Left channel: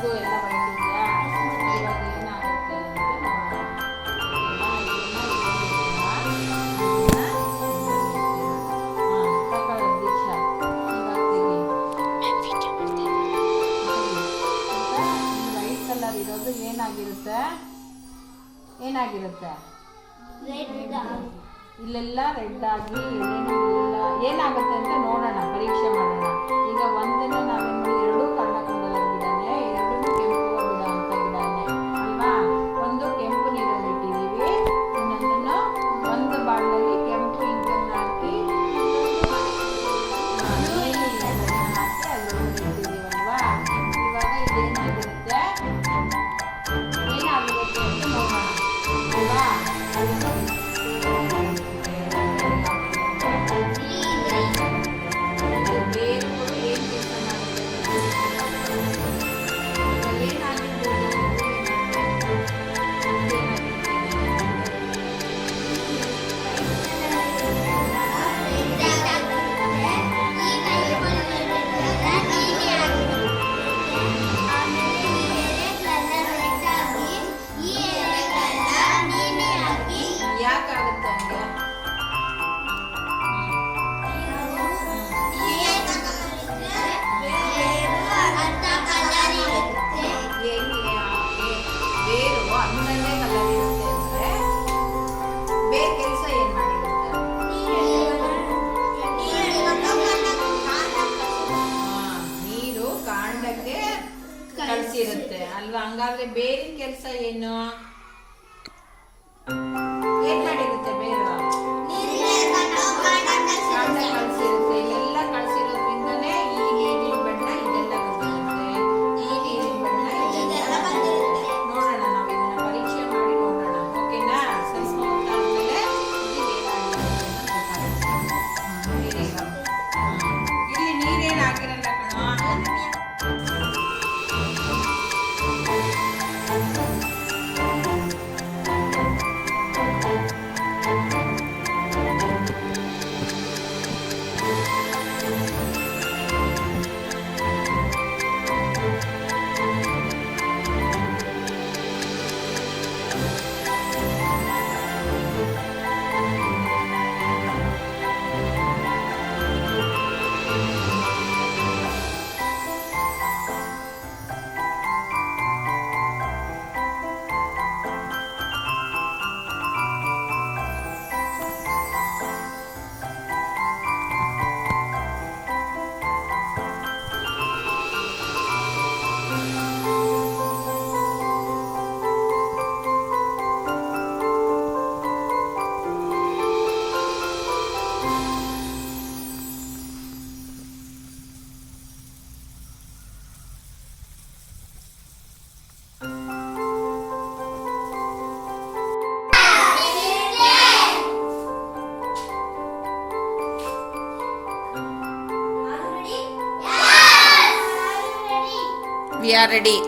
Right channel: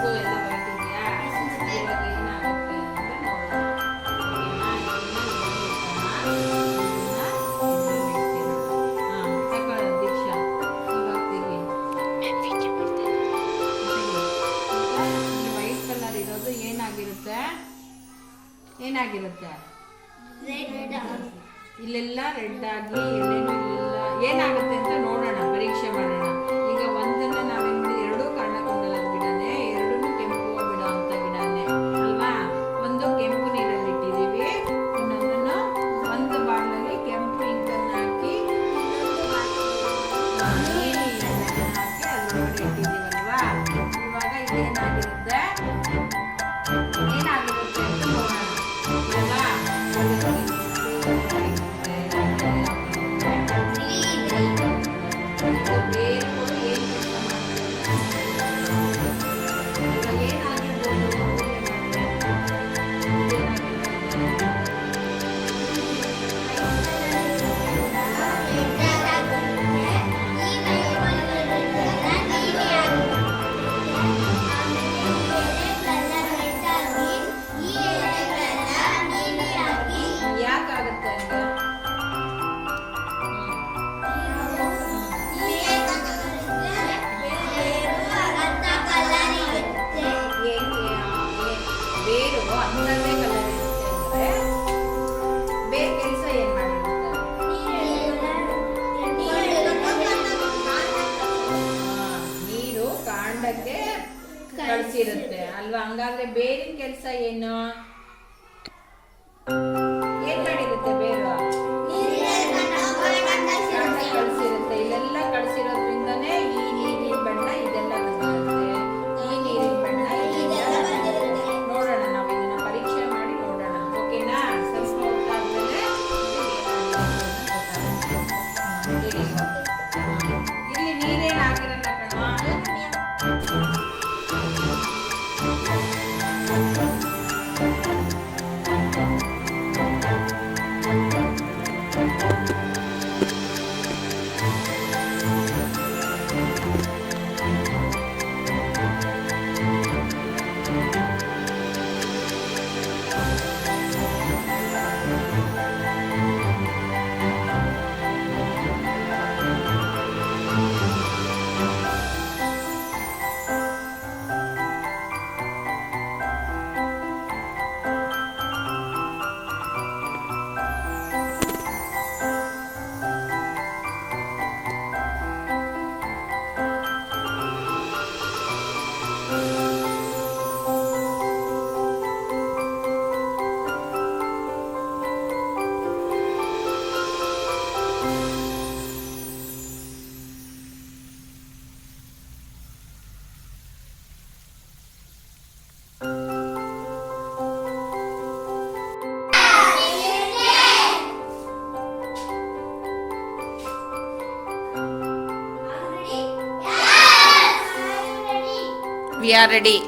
ಕೂಗು ಎಲ್ಲ ವೈಟ್ ಇದೆಯಾ? ಇವಾಗ ಏನಾಗುತ್ತೆ ಅಂತ ನೋಡೋಣ. ತಗೊಳ್ಳೋ ದೀಕ್ಷಾ, ಇವಾಗ ತೆಗಿ. ಈ ವೈಟ್ ಕಲರ್ ಇರೋದು ಏನಾಗಿರುತ್ತೆ? ಇಲ್ಲೆಲ್ಲ ರೆಡ್ ಆಗಿ ಎಲ್ಲೇನೂ ಇಲ್ಲ, ಏನಾಗುತ್ತೆ ಅಂತ ನೋಡೋಣ, ಪರೀಕ್ಷೆ ಮಾಡೋಣ. ಈಗ ಒಂದನ್ನು ನಾವೇನು ಮಾಡಿ, ಎರಡೂ ಕರ್ಣಕುಂಡಲದ ಗಿಡನೇ, ಎರಡೂ ಕೆಂಪು ಗಿಡ ಅಂತ ಗಿಡನೇ ಅಲ್ವಾ? ಒಂದು ಕೆಂಪು ನೀರಲ್ಲಿ ಇಟ್ಟಿದ್ದೀವಿ, ಇನ್ನೊಂದನ್ನು ಒಂದು ಬಾಟ್ಲಲ್ಲಿ ಕೆಂಪು ಇಂಕನ್ನು ಹಾಕಿ ನೀಲಿ ಎಣ್ಣೆನ ಹಾಕಿ ಅದರೊಳಗಡೆ ಇಟ್ಟಿದ್ದೀವಲ್ವಾ? ಇವಾಗ ಇದೇನಾಗಿರುತ್ತೆ ಅಂತ ನೋಡೋಣ ಅಲ್ವಾ? ಬೇರುಗಳು ಏನು ಕೆಲಸ ಮಾಡುತ್ತೆ? ಈಗ ಏನಾಗಿರ್ಬೋದು? ಯಾಕಾಗುತ್ತೆ ಹಂಗೆ? ಬೇರು ಅಂದನೇ ಕಲರ್ ಇರುತ್ತೆ ಅಂದರೆ ಬೇರೆ ಕೆಲಸ ಏನು ಮಾಡಿರುತ್ತೆ? ನೀರು ಕಾಂಡಕ್ಕೆ ಕಳಿಸಿರುತ್ತೆ ಅಲ್ವಾ? ಹಂಗಾದ್ರೆ ಬೇರಿನ ಕೆಲಸ ಏನು ಮಾಡಿರುತ್ತೆ? ಬೇರು ಕಾಂಡ ಕಳಿಸಿರುತ್ತೆ. ಇಲ್ಲೆಲ್ಲ ಕಳಿಸಿರೋದ್ರಿಂದನೇ ಈ ನೀರಿನ ಬಣ್ಣ ಇದೆಲ್ಲ ಬಂದಿರುತ್ತೆ. ಈ ನೀರಿನ ಬಣ್ಣ ಇದೆಲ್ಲ ಬಂದಿರುತ್ತೆ. ನೋಡೋಣ, ನಾವು ಇದನ್ನ ಪರೀಕ್ಷೆ ಮಾಡಿ ನೋಡೋಣ. ಓಕೆನಾ? ಸ್ವಲ್ಪ ಹೊತ್ತಾದ್ಮೇಲೆ ಇದು ಏನಾಗುತ್ತೆ ಇಲ್ಲಿ ನೀರೇನು ಹಾಕಿರಲ್ಲ ಕಣೋ. We are ready.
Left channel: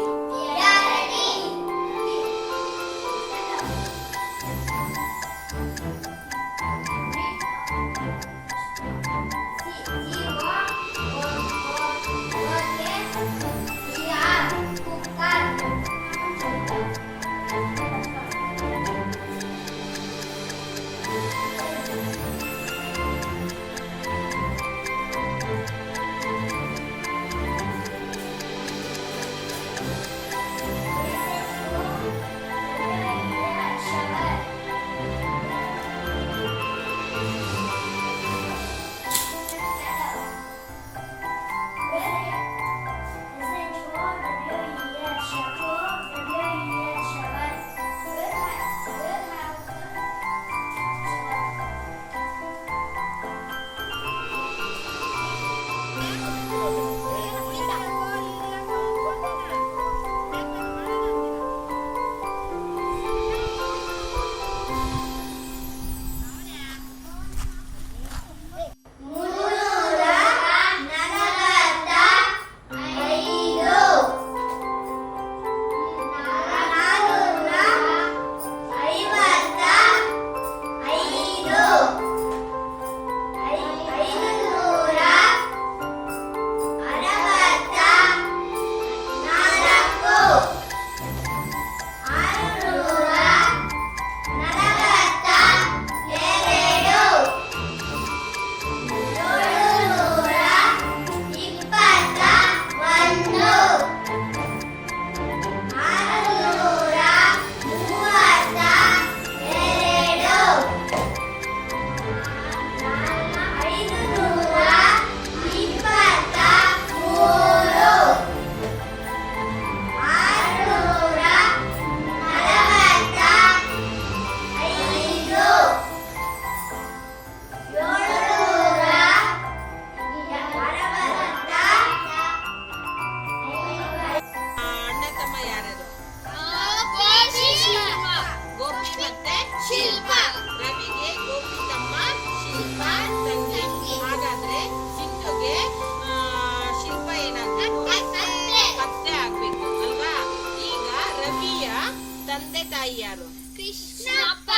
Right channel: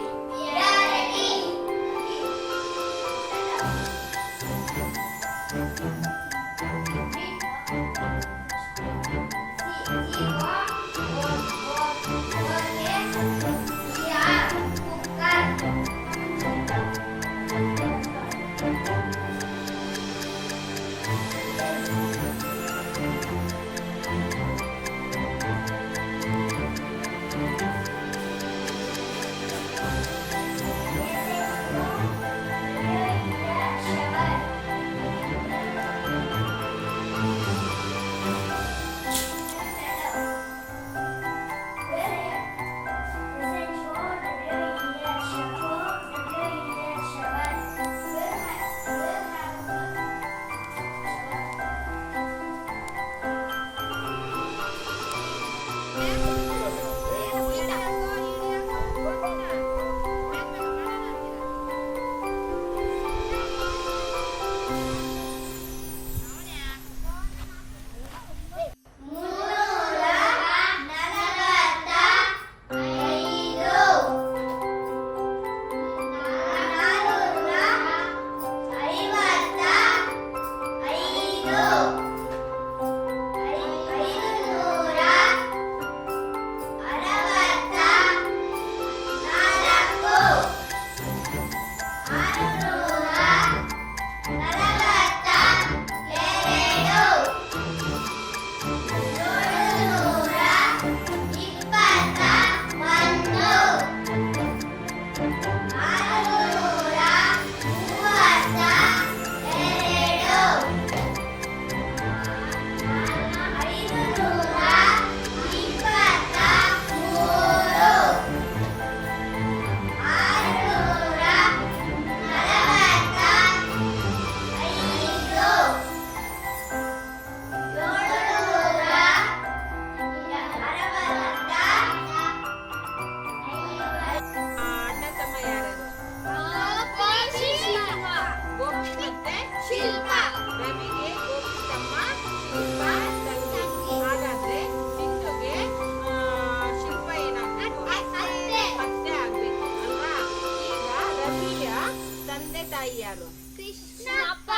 ತಾಯಿ ಯಾರು? ಕೃಷ್ಣಪ್ಪ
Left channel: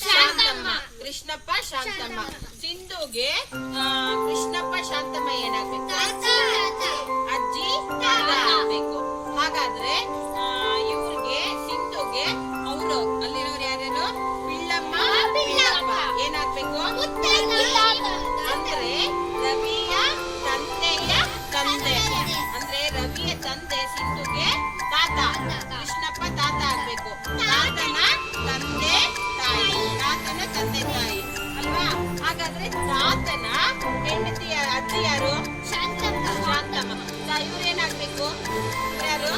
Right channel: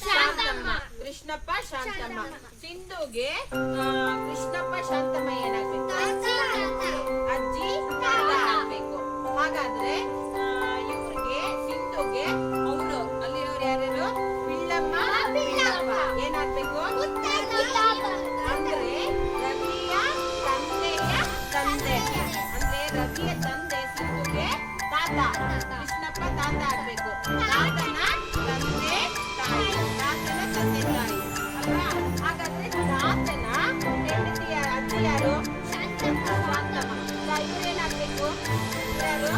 ಶಾಂತಮ್ಮ. ಕೃಷ್ಣಪ್ಪ ಶಾಂತಮ್ಮ. ಸಿಂಧುಗೆ ಕೃಷ್ಣಪ್ಪ ಶಾಂತಮ್ಮ ಏನಾಗ್ಬೇಕು? ಅಜ್ಜಿ ತಾತ ಆಗ್ಬೇಕು. ಹಾಗಾದ್ರೆ ಇವ್ರಿಗೆ ಸಿಂಧುಗೆ ಅವರು ಅಲ್ಲಿರೋರು ಯಾರ್ಯಾರು? ಪಿಳ್ಳಮ್ಮ ಪಿಳ್ಳಪ್ಪ ಏನಾಗ್ಬೇಕು? ಅಂದ್ರೆ ರವಿಯ ತಂದೆಯ ತಂದೆ. ಅಂದ್ರೆ ರವಿಯ ತಂದೆ ಸಿಂಧುಗೆ ತಾತ, ಕೃಷ್ಣಪ್ಪ ತಾತ ಆಗ್ಬೇಕು. ತಾತನ ತಂದೆ ತಾಯಿ, ತಾತನ ತಂದೆ ತಾಯಿ ಅಲ್ವಾ? ಹಾಗಾದ್ರೆ ತಾತನ ಹೆಂಡತಿಯ ಅಜ್ಜಿ ಯಾರು? ಶಾಂತಮ್ಮ. ಇವ್ರೇನಾಗ್ಬೇಕು? ಯಾರು?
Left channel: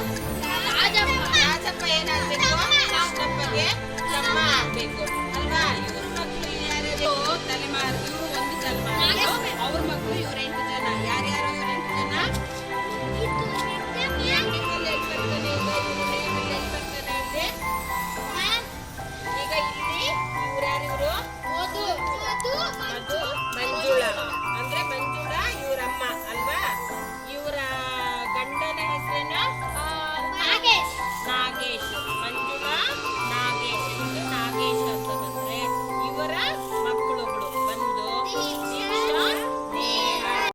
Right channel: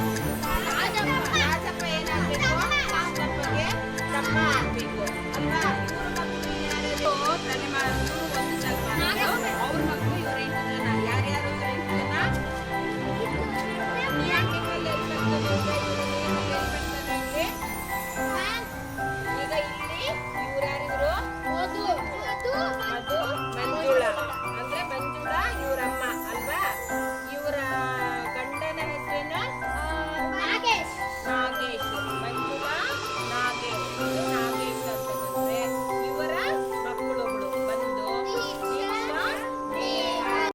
ರಾಜಪ್ಪ ಏನಾಗ್ಬೇಕು? ಕೃಷ್ಣಪ್ಪಗೆ ತಮ್ಮ ಆಗ್ಬೇಕು ಅಲ್ವಾ? ಇವ್ರ ಮಕ್ಕಳು ಯಾರ್ಯಾರು? ತಲೆಮಾರು. ಇವ್ರು ಒಂದು ತಲೆಮಾರು, ಅವ್ರ ಮಕ್ಕಳು ಇವ್ರ 8 ಜನ. ಯಾರ್ಯಾರು?